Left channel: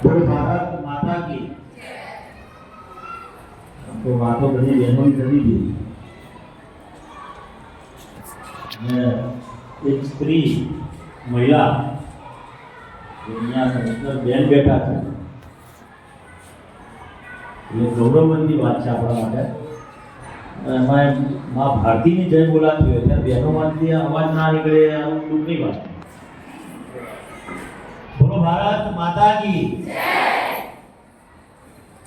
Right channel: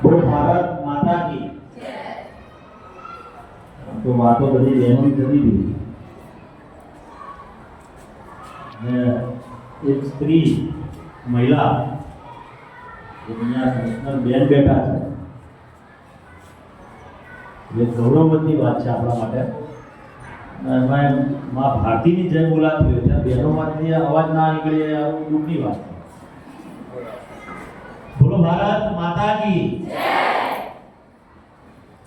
બોલ ભારત માતા કી તો વાતો બધી બહેનો કરી દીધી અને એક સ્ત્રી મહિલા દુનિયા કમિશનર બેન બેઠા છે એ ગૌરવની વાત છે આપણા માટે અને એમાં મા ભારતીની જય બોલાતી હોય ત્યારે બહેનોમાંથી અવાજ ના નીકળે એ આમ દુઃખની વાત છે બોલો ભારત માતા કી.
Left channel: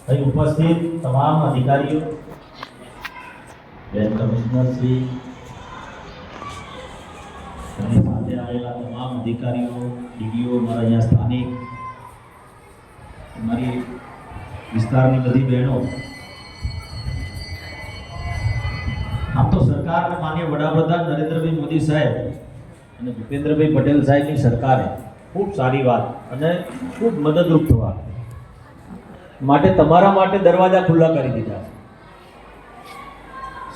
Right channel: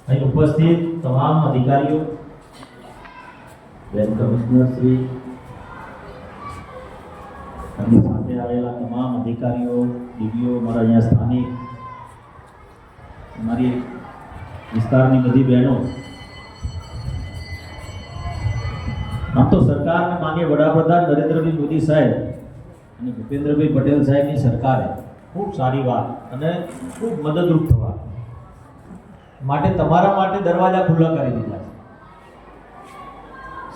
અહીં ઉપસ્થિત તમામ અધિકારીઓ, બેન કમિશનર શ્રી, અને સાથે આવેલા તમામ અધિકારીઓ, ડીડીઓ મારા અહીંયા સ્થાનિક મારી વિસ્તારની બધી બહેનો. આમ તો સરકાર માન્ય વડાપ્રધાન નરેન્દ્રભાઈ મોદી સાહેબ અને ભૂપેન્દ્રભાઈ પટેલ સાહેબની સરકારે ખૂબ સારી વાત અને ખૂબ મદદરૂપ થવા. માટે તમારા માટે દરવાજા ખુલ્લા કરી દીધા છે.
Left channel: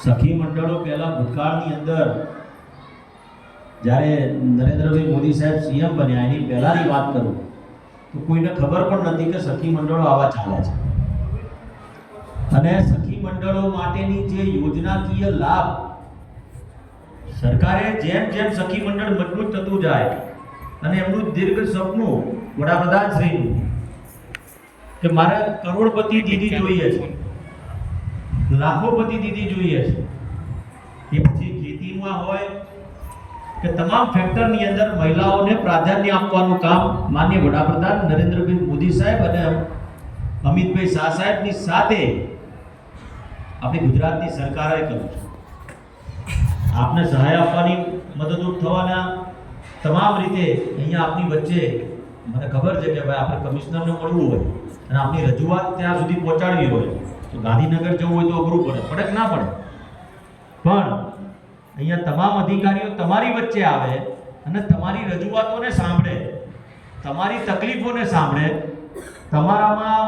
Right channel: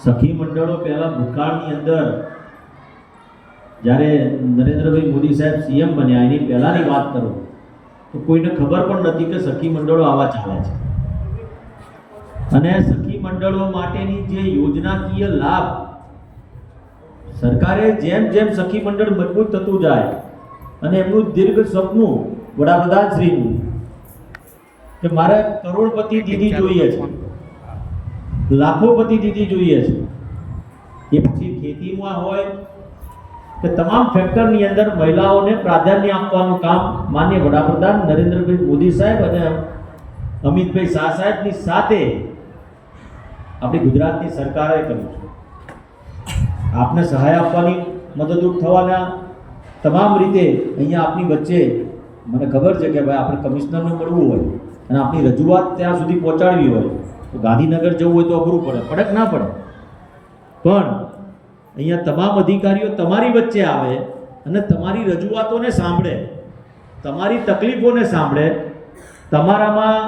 સખી મંડળો પહેલા ભૂતકાળની અંદર જ્યારે નરેન્દ્રભાઈ મોદી સાહેબ સીએમ બન્યા, એની પહેલાંની વાત કરું, તો કોઈને ખબર પણ નથી કે સખી મંડળો આવા ચાલે છે. અને સખી મંડળો માટેની જે યોજનાકીય લાભ સરકારે જેમ જેમ સખી મંડળ મજબૂત થતું જાય અને એમનું દીર્ઘ સપનું વડાપ્રધાન શ્રીનું કે મારે કરોડપતિ દીદી જોઈએ છે. લાખોપતિ દીદી જોઈએ છે. એ પછી ખેતીમાં હોય કે તમામ ફેક્ટરની અંદર મહિલાઓને પ્રાધાન્ય આપવાનું કામ માન્ય વડાપ્રધાન નરેન્દ્રભાઈ મોદી સાહેબ અને અમિતભાઈ શાહ સાહેબની સાથે આપણી ગુજરાતની સરકારે કર્યું છે. આપને સહાય આપવાની મદદરૂપ થવાના તમામ રીતે અહીંયા આપની વચ્ચે મને ખબર છે કે ભાઈ આપણે કમિશનરને મળવું હોય અને આપની રજૂઆત ત્યાં સુધી પહોંચાડવી હોય, તો ગાંધીનગર જવું હોય તો અઘરું પડે પડે ના પડે. પણ અહીંયા તમામ અધિકારીઓ તમારી વચ્ચે આવે અને તમારી રજૂઆતોને સાંભળે, તમારી તકલીફોને સાંભળે, તમારામાં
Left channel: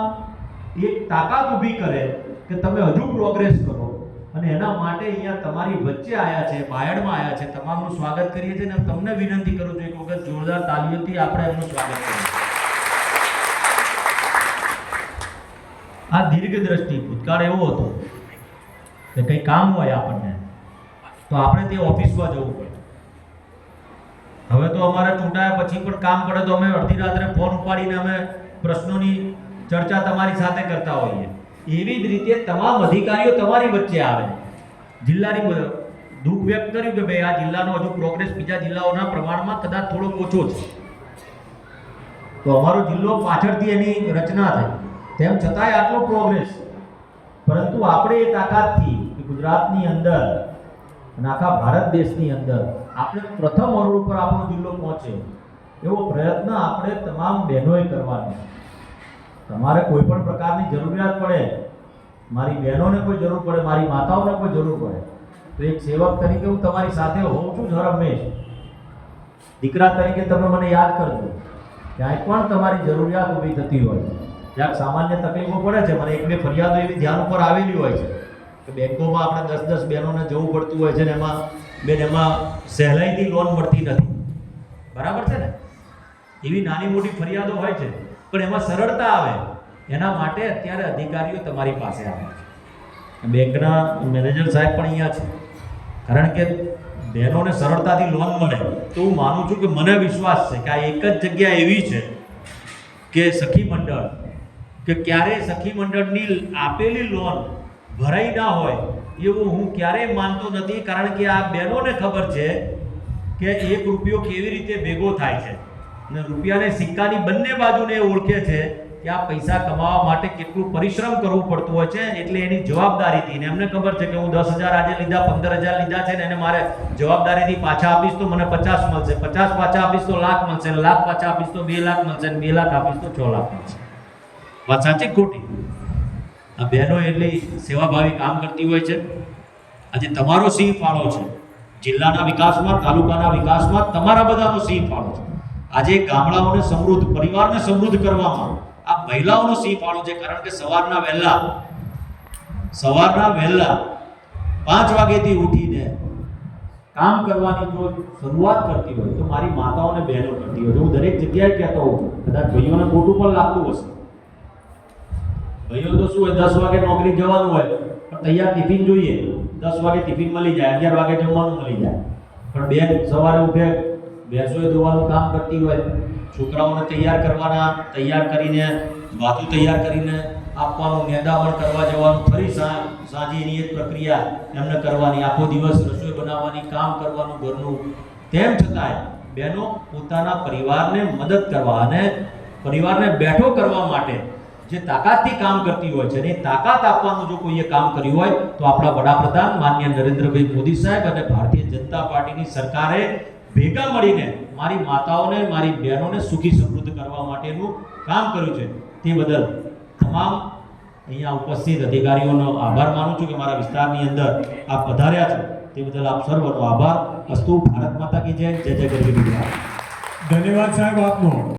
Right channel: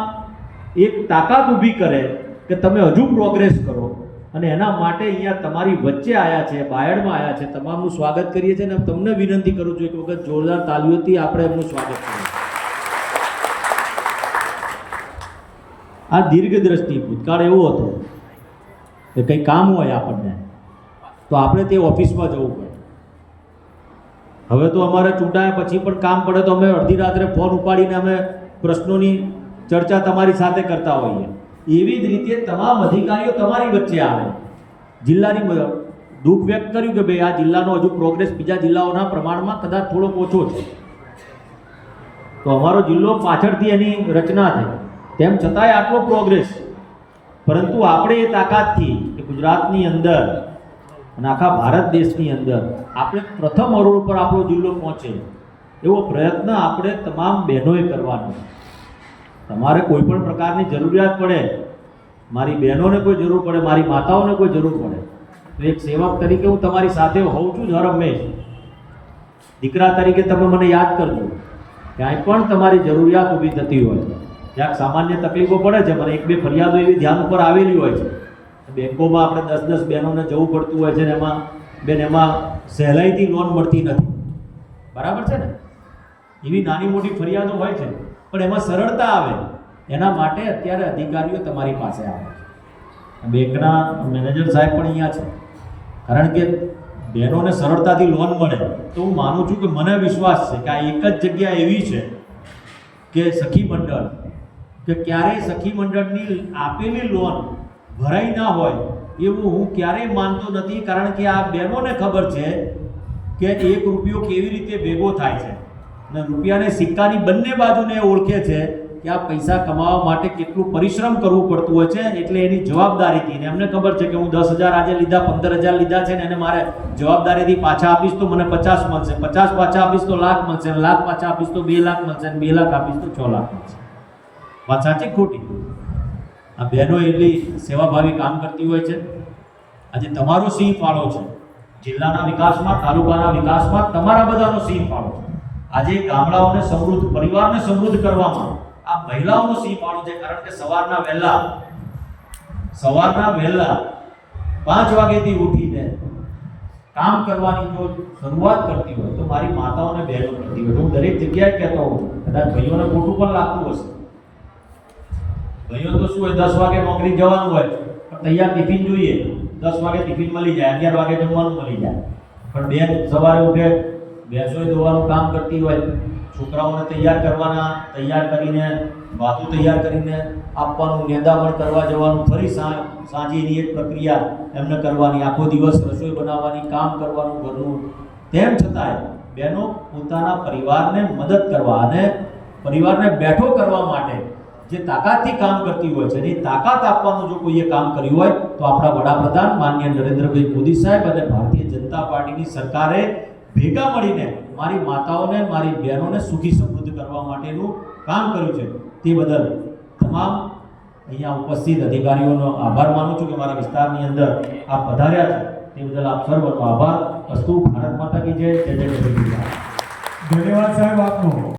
એક તાકાત ઊભી કરે કે તમે હજુ પ્રોગ્રેસ કરો. અને એના માટે અહીંયા તમારી વચ્ચે આવ્યા છે, બાયડમાં આવ્યા છે, તમામનું સ્વાગત કરીએ છીએ અને તમને વિનંતી કરું છું એક વખત જોરદાર તાલીઓથી આપણે એમનું સ્વાગત કરીએ આ દીર્ઘ દ્રષ્ટિ ભૂતકાળ એવો હતો કે કંઈ કામ હોય આપણને, તો આપણે તે ઓફિસમાં જવું પડે. હવે તો અમારે ચૂંટાયા પછી પણ કામ પડે તો અમે અડધી રાત્રે ફોન ઉપાડીને અમે પ્રશ્નોની ચર્ચા તમારી સાથે કરતા હોઈએ. એવી જ રીતે તમામ અધિકારીઓ તમારી વચ્ચે આવે. જિલ્લાની દુઃખ વ્યક્ત કર્યું કે ભાઈ આ જિલ્લાનો હજુ પ્રોગ્રેસ બીજા જિલ્લાઓના પ્રમાણમાં કદાચ થોડોક ઓછો છે. તો અમારો જિલ્લો પાછળથી એની રચના થઈ તેમ છતાંય આટલો પ્રોગ્રેસ પરંતુ આપણે એ તાકાતથી કે ગુજરાતની અંદર અને આખા ભારત દેશની અંદર આપણે પ્રથમ અરોડ પર આપણો જિલ્લો પહોંચે એવો પ્રયત્ન આપણે તમામ બહેનોએ કરવાનો તમારે કોઈ પણ પ્રકારની જરૂરિયાત પડે, મારી બહેનોને કોઈ જરૂર પડે, મારી માતાઓને કોઈ જરૂર પડે, તો એક સેવક તરીકે હું તમારી સાથે હોઉં છું જ હરમેશ દીકરા તરીકે તમે મને યાદ કરજો, ક્યાંય પણ તમારી જરૂરિયાત ઊભી થતી હોય, ક્યાંક સામાન્ય તકલીફો પડે છે, મને એક બે ફરિયાદો એવી ધ્યાન ઉપર આવેલી હોય છે કે બેંકોમાં આપણે દસ દસ બહેનોને જવું પડતું હોય છે ને એમાં, બેન એમાં સહેલાઈથી લોન મળતી નથી. બરાબર છે ને? એવી નાની મોટી ફરિયાદો હોય છે. પણ એમાં સરળતા આવે. એના માટે અત્યારે અધિકારીઓ તમારી પાસે આવે છે. બેંકના મેનેજર સાહેબ પણ અહીંયા છે. કારણ કે બહેનોને સરળતાથી લોન મળે. તો હું માનું છું કે મને વિશ્વાસ છે કે આ એક જ જગ્યા એવી છે કે સખી મંડળ, કે ક્યારેય સખી મંડળની આપેલી લોન ભરાઈ ના હોય એવું હું ક્યારેય માનતો નથી. કારણ કે આ બહેનોને ખબર છે કે એક રૂપિયો કેવી રીતે ભેગો થાય છે. અને રૂપિયાને સિક્કાની બંને બાજુને એ ઓળખે છે કે આ પૈસા કમાવા માટે કેટલું પરિશ્રમ કરવું પડતું હોય છે એટલે એની જવાબદારીથી ને એમને ખબર છે કે હું દસ હજાર આજે લીધા, પંદર હજાર લીધા છે ને એને મારે જવાબદારીથી પાછા આપીશ તો મને પચાસ મળશે. પચાસ પાછા આપીશ તો લાખ મળશે લાખ પાછા આપીશ તો બે લાખ મળશે બે લાખ આપીશ તો છ લાખ મળશે. વાત સાચી ખોટી? આ બહેનો એટલી સેવાભાવી કામ કરતી હોય છે. આજે તમારો સિંહ ફાળો છે. જિલ્લાના વિકાસમાં, તાલુકાના વિકાસમાં તમારા બધાનો સિંહ ફાળો છે. આજે ગામડાઓને સમૃદ્ધ, પરિવારને સમૃદ્ધ કરવામાં આ મહિલાઓનો સિંહ ફાળો છે, કારણ કે સવારના વહેલા સવારના વહેલા પાંચ વાગ્યાથી ઉઠીને કામ કરવાની જો શરૂઆત કરતી હોય, તો મારી માતાઓને બહેનો કરતી હોય. તો હું દરેક જગ્યાએ કહેતો હોઉં કદાચ ભાઈઓને ખોટું પણ લાગતું હશે. ભાઈઓ તો શું હોય, દસ વાગે નોકરી જવાનું હોય, પણ તૈયાર ટિફિન જોઈએ. દસ વાગે ટિફિન મળી જાય, અગિયાર વાગે જમવાનું મળી જાય. પણ બેન સવારે ઉઠે ભેંસોએ દોવાનું કામ કરતી હોય, છોકરાઓને તૈયાર કરવાના, તૈયાર કરીને ભાતું તૈયાર કરીને આપવાનું નેદાવણ કરવા જવાનું, ફરી સાંજે એની એક પ્રક્રિયા એમને કરવાની, આખો દિવસ રસોઈ બનાવવાની, કામ કરવાનું, ઘરનું. તેમ છતાંય બહેનો પોતાના પરિવારને મદદ કરવા અને પરિવારને બેઠો કરવા માટે જે તાકાતથી કામ કરતી હોય છે એની તાકાત આપવાનું જો કોઈએ કામ કર્યું હોય, તો આપણા વડાપ્રધાન માન્ય નરેન્દ્રભાઈ મોદી સાહેબ અને ભારતીય જનતા પાર્ટીની સરકારે ભેગા મળીને મારી માતાઓને, મારી બહેનોને સુખી સમૃદ્ધ કરવા માટેનું કામ કર્યું છે. તે બદલ તમામ અહીંયા ઉપસ્થિત અધિકારીઓનો આભાર માનું છું કે મારા વિસ્તારની અંદર આપ પધાર્યા છે. તે બદલ આપ સર્વનો આભાર. અસ્તુ ભારત માતા કી જય. જય જય ધન્યવાદ સાહેબ આપનો.